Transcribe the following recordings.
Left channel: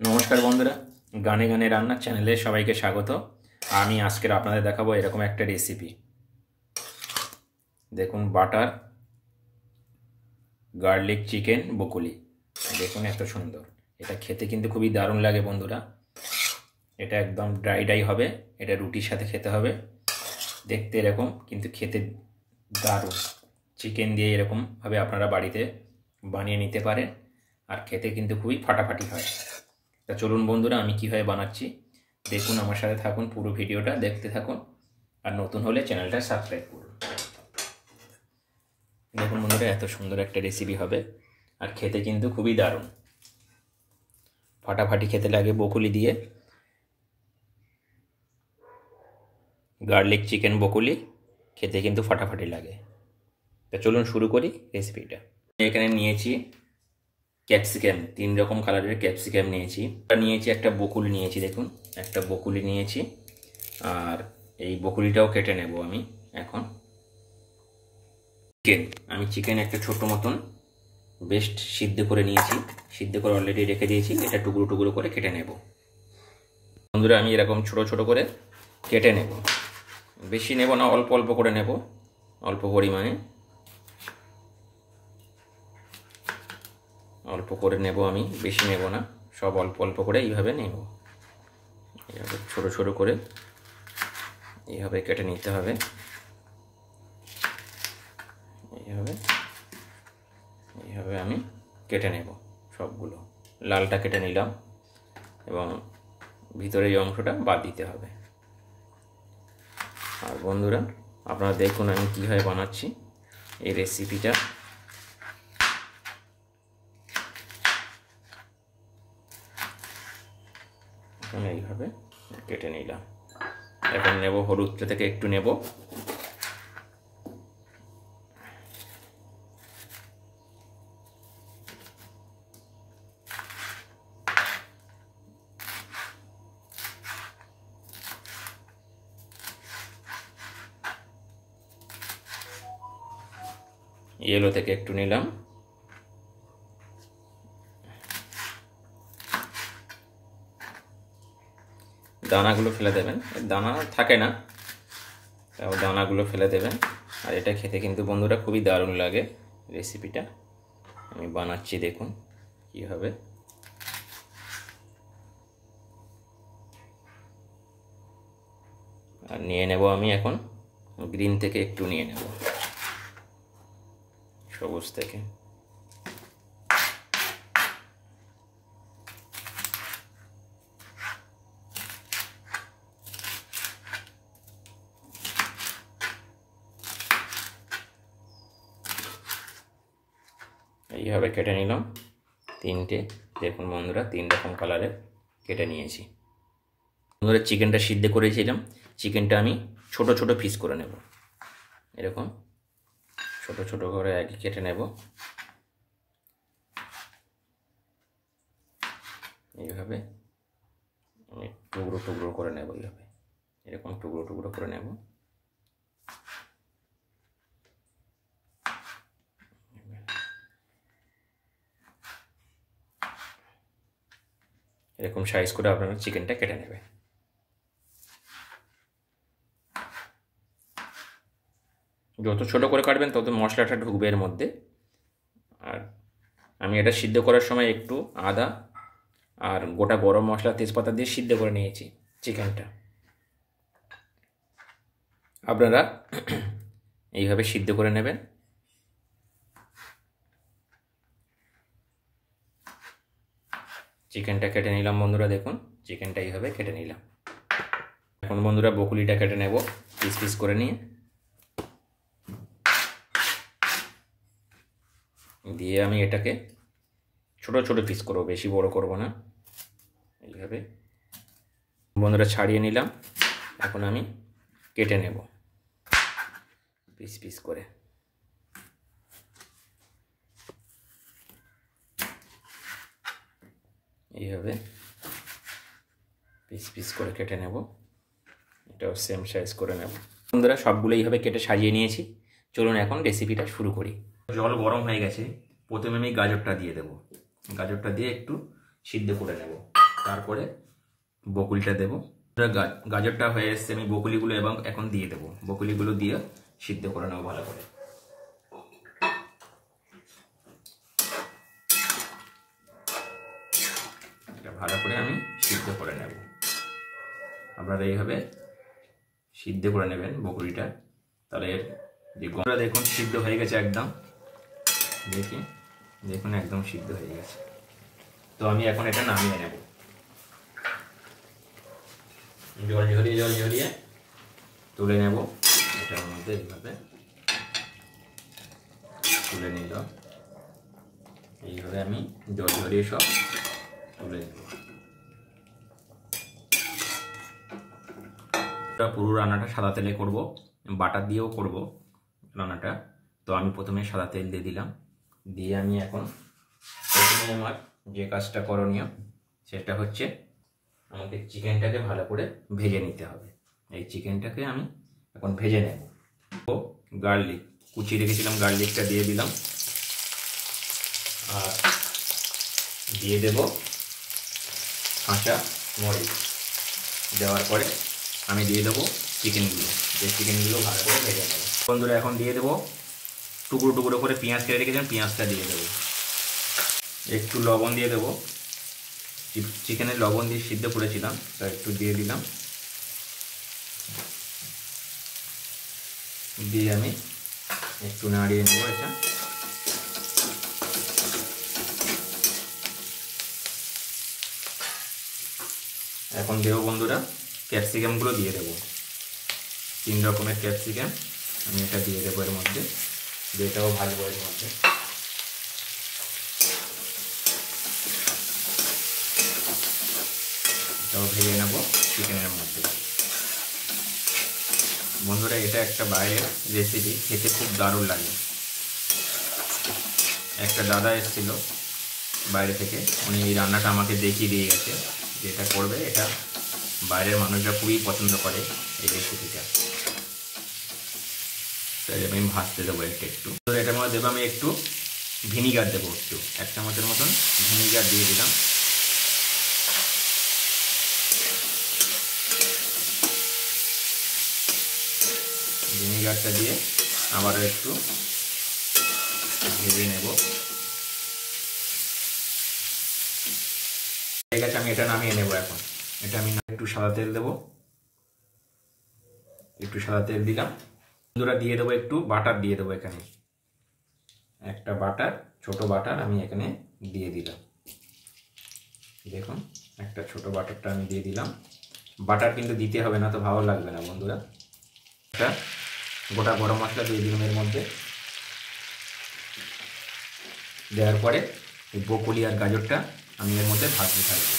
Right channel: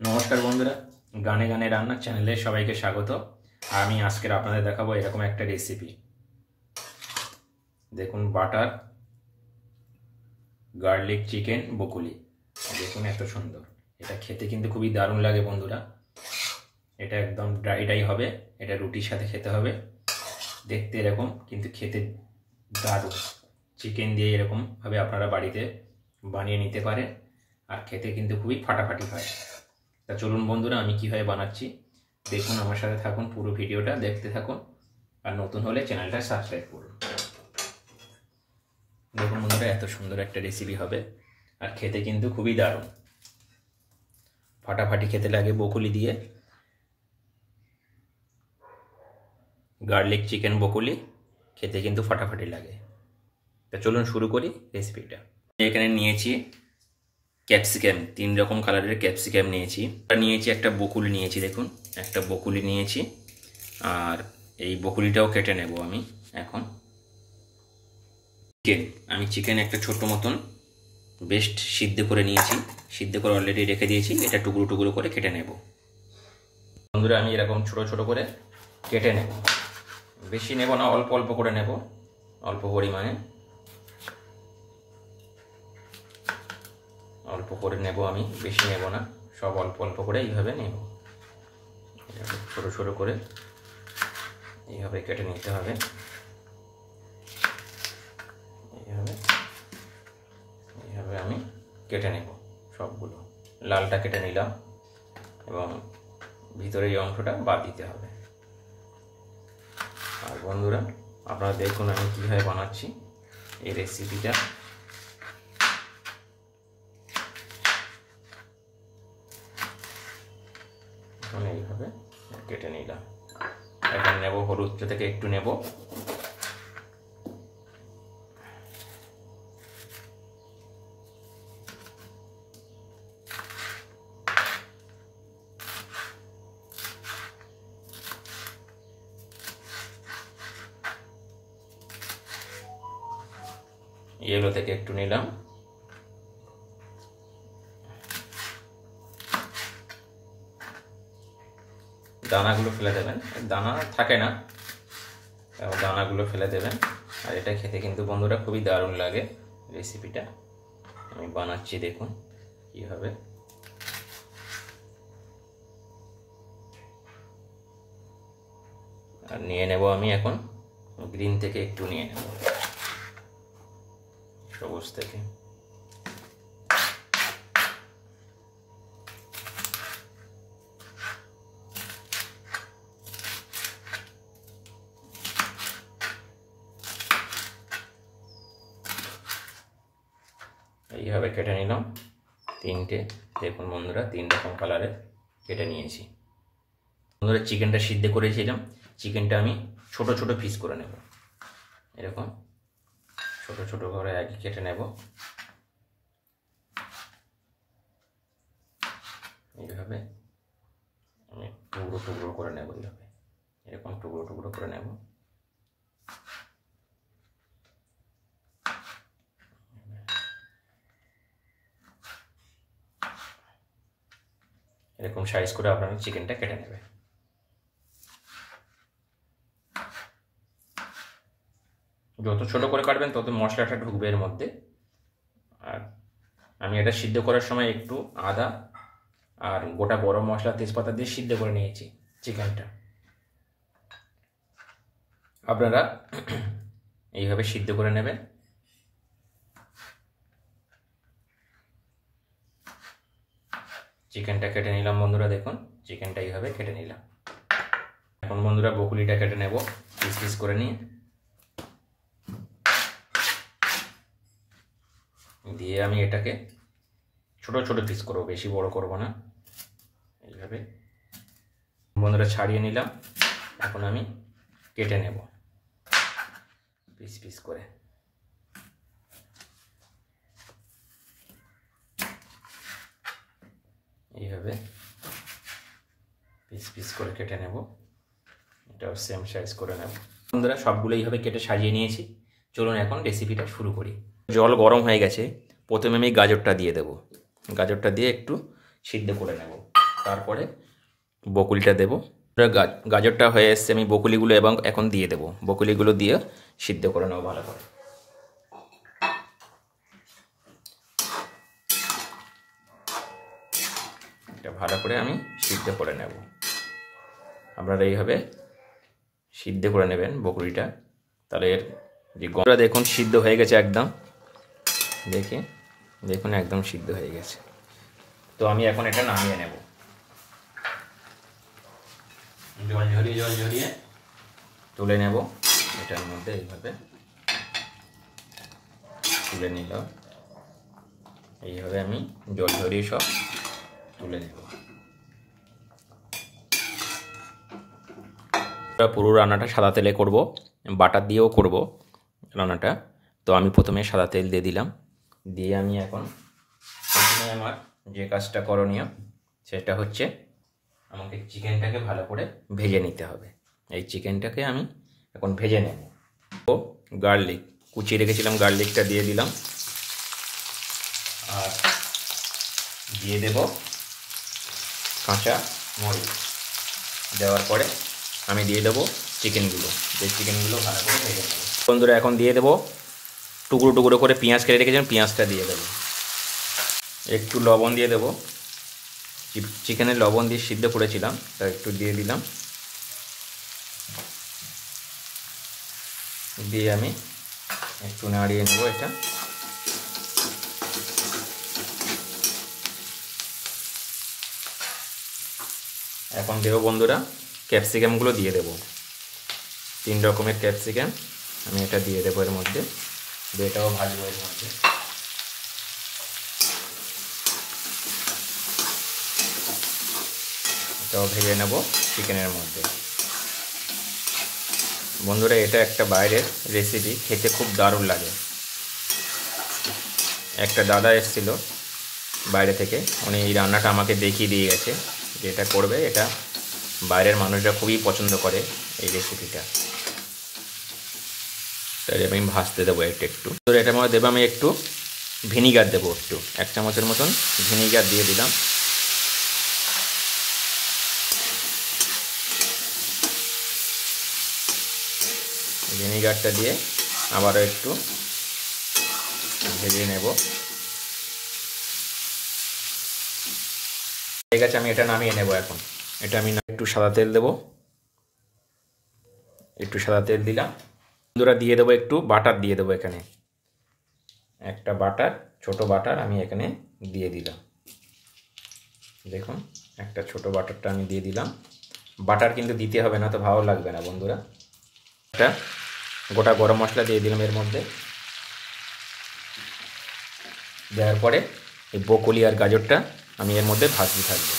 নমস্কার বন্ধুরা, গানে গানে রান্নার চ্যানেলে সবাইকে স্বাগত। আমি আজকের আপনাদের দেখাবো এরকম একটা রেসিপি। দেখুন, বাটার গার্লিক চিকেন বকুলি। দেখুন এত সুন্দর, এটা খেতে কিন্তু খুবই দারুণ লাগে বন্ধুরা। এটা একদম ড্রাই ড্রাই হবে, এটা রুটির সাথে খেতে হবে। দেখতে এরকম, কিন্তু খেতে দারুণ। চিকেন দিয়ে এরকমভাবে আপনারা বাড়িতে বানিয়ে নিতে পারেন, আর খেতে কিন্তু খুবই ফাটাফাটি হয়। তা চলুন বন্ধুরা, আমি কীভাবে বানাচ্ছি দেখুন, আমার সাথে থাকুন, পুরো ভিডিওটা দেখতে থাকুন, আর নতুন হলে চ্যানেলটা সাবস্ক্রাইব করুন। দেখুন বন্ধুরা, এত সুন্দর একটা রেসিপি হবে, আর খেতে কিন্তু খুবই দারুণ, ফাটাফাটি খেতে লাগে। বকুলি দিয়ে গার্লিক চিকেন বকুলি খেতে কিন্তু ফাটাফাটি লাগে। তা চলুন শুরু করি রেসিপিটা। এখানে নিয়েছি ক্যাপসিকাম, 3 রকম কালারের ক্যাপসিকাম নিয়েছি। নিয়েছি একটা বকুলি নিয়েছি, দেখুন একটা বকুলি নিয়েছি, আর এই বকুলিটাও কেটে নেব আমি এখন। চিকেন একটা ছোট মতন বেশ সিদ্ধ করে নিয়েছি, সিদ্ধ করে অলরেডি রেখে দিয়েছি। এটা টুকরো টুকরো করে কেটে নেব বন্ধুরা। আমি এরকম ছোট ছোট করে কেটে নেব, বেশি নেব না, অল্প অল্প করে নেব, অল্প পরিমাণে অল্প করে নেব আমি, বেশি নেব না, সব অল্প অল্প করে এইভাবে নেব। এইভাবে ছোটো ছোটো করে এইভাবে কেটে নিতে হবে। এইভাবে এইভাবে আমি কেটে নেব সবগুলো। লালটা কেটে নিলাম, এবং ভিতরে এই অংশটা বাদ দিতে হবে। আর বন্ধুরা, আপনারা দেখুন আমি কীভাবে বানাচ্ছি এই রেসিপিটা। এইভাবে কেটে নিলাম। এখন নেব হলুদ থেকে একটু নেব, ইয়েলো থেকে একটু নিলাম, দানাগুলো ফেলে দেবেন, দানা থাকে না, দানাগুলো ফেলে দেবেন। আর এটা খেতে কিন্তু বন্ধুরা খুবই দারুণ লাগে। রেসিপিটা আমি বানাচ্ছি, দেখুন কীভাবে। আর নিয়ে নেব আমি এখন গ্রিন থেকে একটু নিয়ে নেব, সবুজ থেকে। এইভাবে কেটে নিলাম 3টে। দেখুন বন্ধুরা, 3 রকম কালারে কেটে নিয়েছি। বন্ধুরা, চিকেনটা সিদ্ধ করেছিলাম, চিকেনটা আমি ছোট ছোট পিস করে নেব। এরকম ছোট ছোট করে আগে কেটে নেব, এইভাবে আমি টুকরো টুকরো করে নেব। এইভাবে এরকম টুকরো টুকরো করে নেব। এরকম সাইজ করে আপনারা চিকেনটা কেটে নেবে। যত ছোটো করে কাটবেন তত মশলাটা ঢুকবে এর মধ্যে। আর আমি এটা সিদ্ধ করার সময় একটু আদা আর গোটা গরম মশলা তেজপাতা দিয়ে সিদ্ধ করে নিয়েছি চিকেনটা। আপনারা এইভাবে সিদ্ধ করে নেবেন। চিকেনটা কেটে নিলাম বন্ধুরা, দেখুন চিকেনটা এইভাবে কেটে নিলাম। এখন বন্ধুরা বকুলিটা কেটে নেব পিস পিস করে নিয়ে, দিয়ে আমি এটাকে ছোট ছোট পিস করব, বেশি বড় করব না। এইভাবে বন্ধুরা ছাড়িয়ে নিলাম। এখন আমি কেটে নেব পিস পিস করে। এইভাবে পিস পিস করে কেটে নেব, এটাও সেম সাইজ করে নেব। বন্ধুরা, সবগুলো এইভাবে কেটে সাজিয়ে নিয়েছি। চলুন এখন রেসিপিটা শুরু করি। জল গরম হয়ে গেছে, প্রথমে আমি গাজরটা দিয়ে দেব। গাজরটা দিয়ে একটু সিদ্ধ করে নেব। তারপরে বকুলিটা দেবো। গাজরটা হয়ে এসছে, আমি বকুলিগুলো এবং এখন দিয়ে দেবো। বকুলিগুলো দিয়ে সিদ্ধ করে নেবো ভালো করে। এটা ভালো করে আমি সিদ্ধ করে নেব। আপনারা এইভাবে সিদ্ধ করে নেবেন বকুলিটা, তাহলে এর যে গন্ধটা দেখুন সিদ্ধ হয়ে গেছে একদম। দেখুন একদম সিদ্ধ হয়ে গেছে। তো আমি এখন এটা নামিয়ে নেব। জল ঝরিয়ে তুলে নেব। এটার মধ্যে এইভাবে তুলে নিলাম। এইভাবে আমি জল ঝরিয়ে সব তুলে নেব। পুরো রান্নাটা সাদা তেলে করব, বাটার দিয়েও করব রান্নাটা। তো আমি প্রথমে সাদা তেল দিয়ে দিলাম। দিয়ে আমি এখন প্রথমে আমার যে কাজটা করণীয় সেটা হচ্ছে আমাকে চিকেনটাকে ভালো করে ভেজে নিতে হবে। এই চিকেনটাকে আমি এখন ভেজে নেব। ও গার্লিক কুচিয়ে রেখেছিলাম, গার্লিকটা দিয়ে দিলাম। আর দিয়ে দেব কাঁচা মরিচ। দেওয়ার পরে আমি দিয়ে দেবো চিকেনগুলো। এই চিকেনগুলো ভালো করে ভেজে নেব। বন্ধুরা এখন দিয়ে দেবো টুকরো টুকরো করে পেঁয়াজ কেটে রেখেছিলাম, পেঁয়াজটা দিয়ে দেবো। একটু লবণ দিয়ে দেবো। চিকেনের লবণ দিয়ে সিদ্ধ করেছিলাম, তা একটু দিয়ে দিলাম। দিয়ে আমি একটু নাড়িয়ে নেব এটা। এখন দেবো বন্ধুরা ক্যাপসিকামগুলো দিয়ে দেবো। 3 রকমের ক্যাপসিকাম আমি এটা দিয়ে দেবো এর মধ্যে। এটাও ভাজবো এর মধ্যে। এটাও ভেজে নেব চিকেনের মধ্যে। বন্ধুরা এটা একটা বাইরের রেসিপি, খেতে খুব দারুণ লাগে। একটা দাদা এসেছিল বাইরে থেকে, উনি এই রান্নাটা আমাকে দেখিয়ে দিয়ে গেছে যে এটা করবে। এটা বাইরের মানুষরা খুবই পছন্দ করে এই রেসিপিটা। তাই আমি ভাজতে দেবো একটু। এটার মধ্যে দেবো আমি একটু ভিনিগার দেবো, একটু 1 চামচের মতন ভিনিগার দিয়ে দিলাম। ভিনিগারটা দিয়ে আবারও একটু ভেজে নেব। ঠিক আছে, আমি এটা নামিয়ে নেব এখন। এটা আমি একটু সাদা তেল দেবো। একটু সাদা তেল দিলাম। বন্ধুরা দিয়ে দেবো একটু বাটার দিয়ে দেবো। এখানে একটা বাটার, ছোট বাটার আমি এখানে দিয়ে দিলাম। দেখুন একটা ছোট বাটারটা আমি দিয়ে দিলাম। বাটার কিন্তু দিতে হবে না, তো ভালো লাগবে না বন্ধুরা। একটা গোটা গরম মশলা দিয়ে দিলাম এর মধ্যে। দেওয়ার পরে এই বকুলি আর গাজরটা আমি এর মধ্যে ভাজতে থাকবো।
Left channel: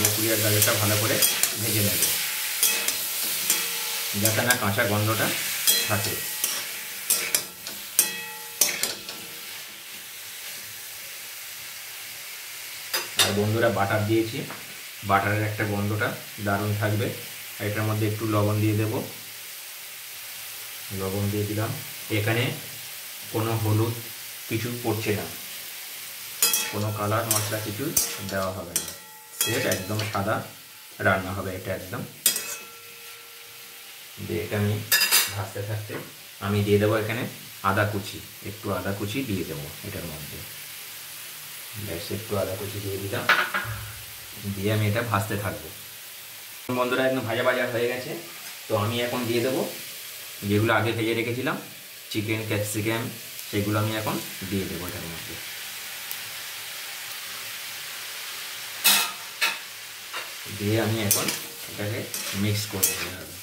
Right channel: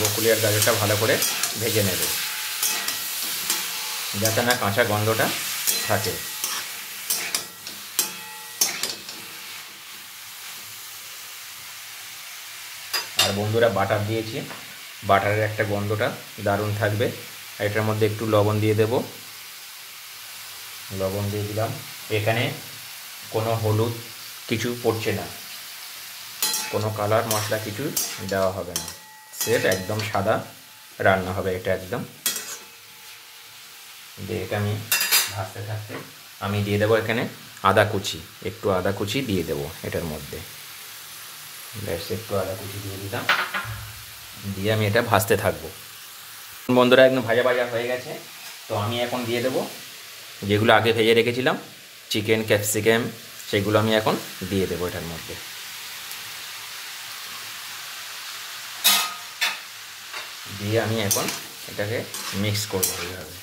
বকুলি আর গাজরটা ভালো করে ভেজে নেব, যাতে না কাঁচা গন্ধটা থাকে। আর বন্ধুরা বাটার দিয়েছি, বাটারের একটা গন্ধটা দারুণ থাকবে। এটার মধ্যে একটু লবণ দিয়ে দেব। লবণ দিয়ে দিলাম। এখানে কোনো হলুদ কিছু পড়ছে না, কোনো কালার মশলা কিছু দেওয়া হবে না। সেটা একদম সাদা রান্না হবে এটা একদম। দিয়ে এটা আমি ভাজতে থাকতে আমি দিয়ে দেবো এখানে আদা কুচি। একটু আদা কুচি দিয়ে দেবো এটার মধ্যে। ব্যাস একটু আদা কুচি দিয়ে দিলাম। দিয়ে আমি এটা ভাজতে থাকবো। বন্ধুরা একদম ভাজা ভাজা হয়ে গেছে। তো আমি এখন দিয়ে দেবো যেগুলো আগে ভেজে রেখেছিলাম চিকেন, ক্যাপসিকাম, সেগুলো আমি এখন দিয়ে দেবো এটার মধ্যে। দিয়ে আমি এখন এটাকে মিক্স করবো, এইভাবে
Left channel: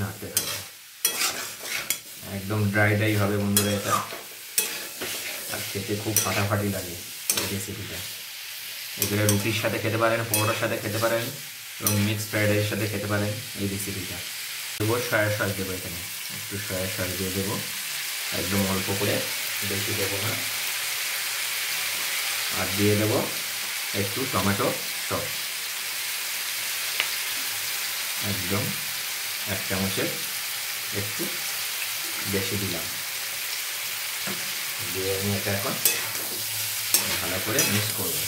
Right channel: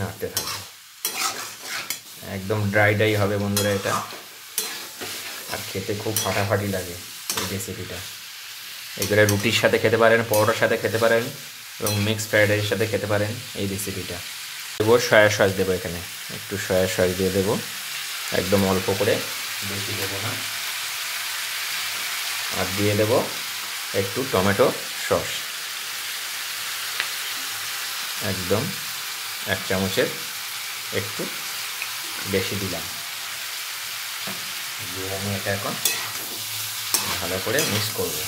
নাড়তে থাকবো। একদম ড্রাই ড্রাই হবে বন্ধুরা এটা, আর খেতে খুব ফাটাফাটি লাগে এই রেসিপিটা। এগুলো রুটির সাথে খেতে পারেন, পরোটার সাথে খেতে পারেন, এবং মিক্স ফ্রাইড রাইসের সাথে খেতে পারেন এই রেসিপিটা। দেবো সয়া সস, দেবো এখানে একটু সয়া সস দিয়ে দেবো, একদম অল্প করে, বেশি দেবো না। আর দিয়ে দেবো একটু টমেটো সস, একদম 1 চামচের একটু বেশি দিলাম। দিয়ে আমি এটা এখন ভালো করে মিক্স করবো।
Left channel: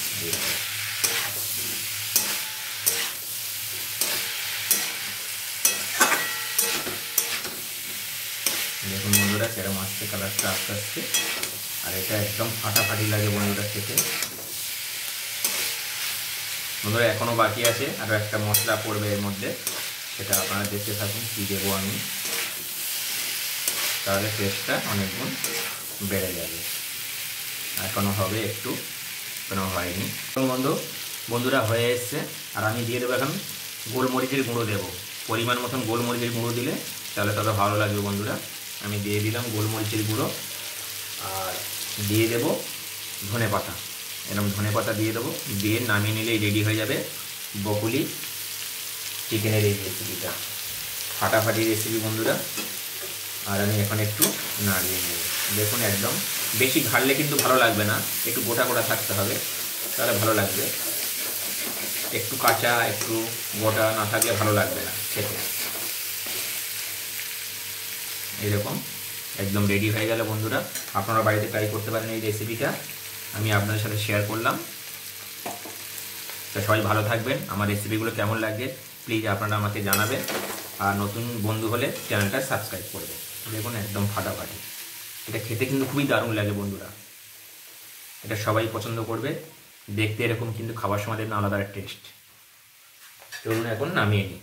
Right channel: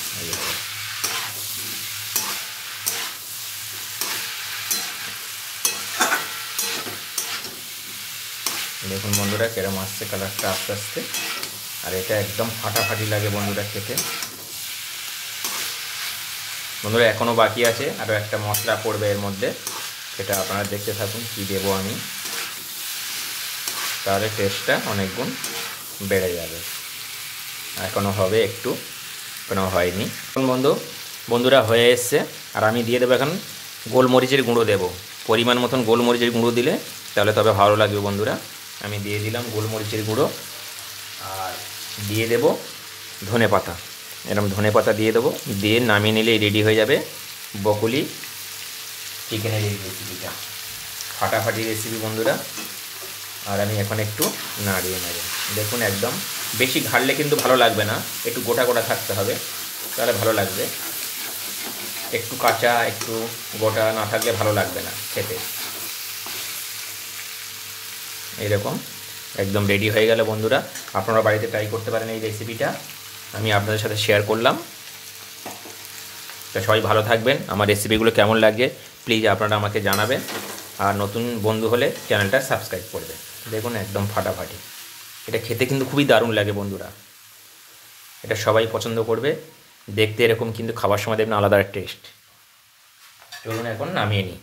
দেখুন বন্ধুরা কেরম আসছে কালারটা আস্তে আস্তে, আর এটা একদম ফাটাফাটি লাগে বন্ধুরা খেতে। বন্ধুরা এখনও বাকি আছে, আরও একটা মশলা পড়বে এর মধ্যে, সেটা আপনারা দেখতে থাকুন কী দেবো আমি, তাহলে টেস্টটা অনেক গুণ বেড়ে যাবে। এখনও হবে একটু, এখনও হয়নি। বন্ধুরা হয়ে এসছে, আর আমি দিয়ে দেবো এখন গোলমরিচের গুঁড়ো দেবো, পরিমাণ মতন গোলমরিচের গুঁড়ো দিলে তাহলে তবে ভালো লাগবে বন্ধুরা। আমি দিয়ে দিলাম গোলমরিচের গুঁড়ো, আর দিয়ে দেব ধনে পাতা, এরকম ধনে পাতা দিয়ে দেবো, দিয়ে নামিয়ে নিলেই রেডি হয়ে যাবে বকুলি চিকেনের এই রেসিপিটা। ফাটাফাটি রেসিপি বন্ধুরা। আর আমি এখন একটু নাড়িয়ে নেব। দেখুন একদম বেশি ঘাড়লে কিন্তু ভালো লাগবে না, একটু গোটা গোটা থাকতে হবে, তাহলে ভালো লাগবে। একটু কাঁচা একটু গোটা না থাকলে ভালো লাগবে না খেতে। এরকম একদম রেডি হয়ে গেল বন্ধুরা, আপনারা বাড়িতে ট্রাই করতে পারেন এই রেসিপিটা, আমি আপনাদের সাথে শেয়ার করলাম। তা সবাই ভালো থাকবেন, আমার রেসিপিগুলো কেমন লাগে প্লিজ আপনারা আমাকে জানাবেন, আর নতুন বন্ধু হলে চ্যানেলটা সাবস্ক্রাইব করবেন। দেখুন একদম ফাটাফাটি, এটা খেতে কিন্তু খুবই দারুণ লাগে বন্ধুরা, এটা সবাই পছন্দ করবে দেখতে এরকম, কিন্তু খাবার সময় দেখবেন আলাদা টেস্ট। চলুন এখন নামিয়ে নিই।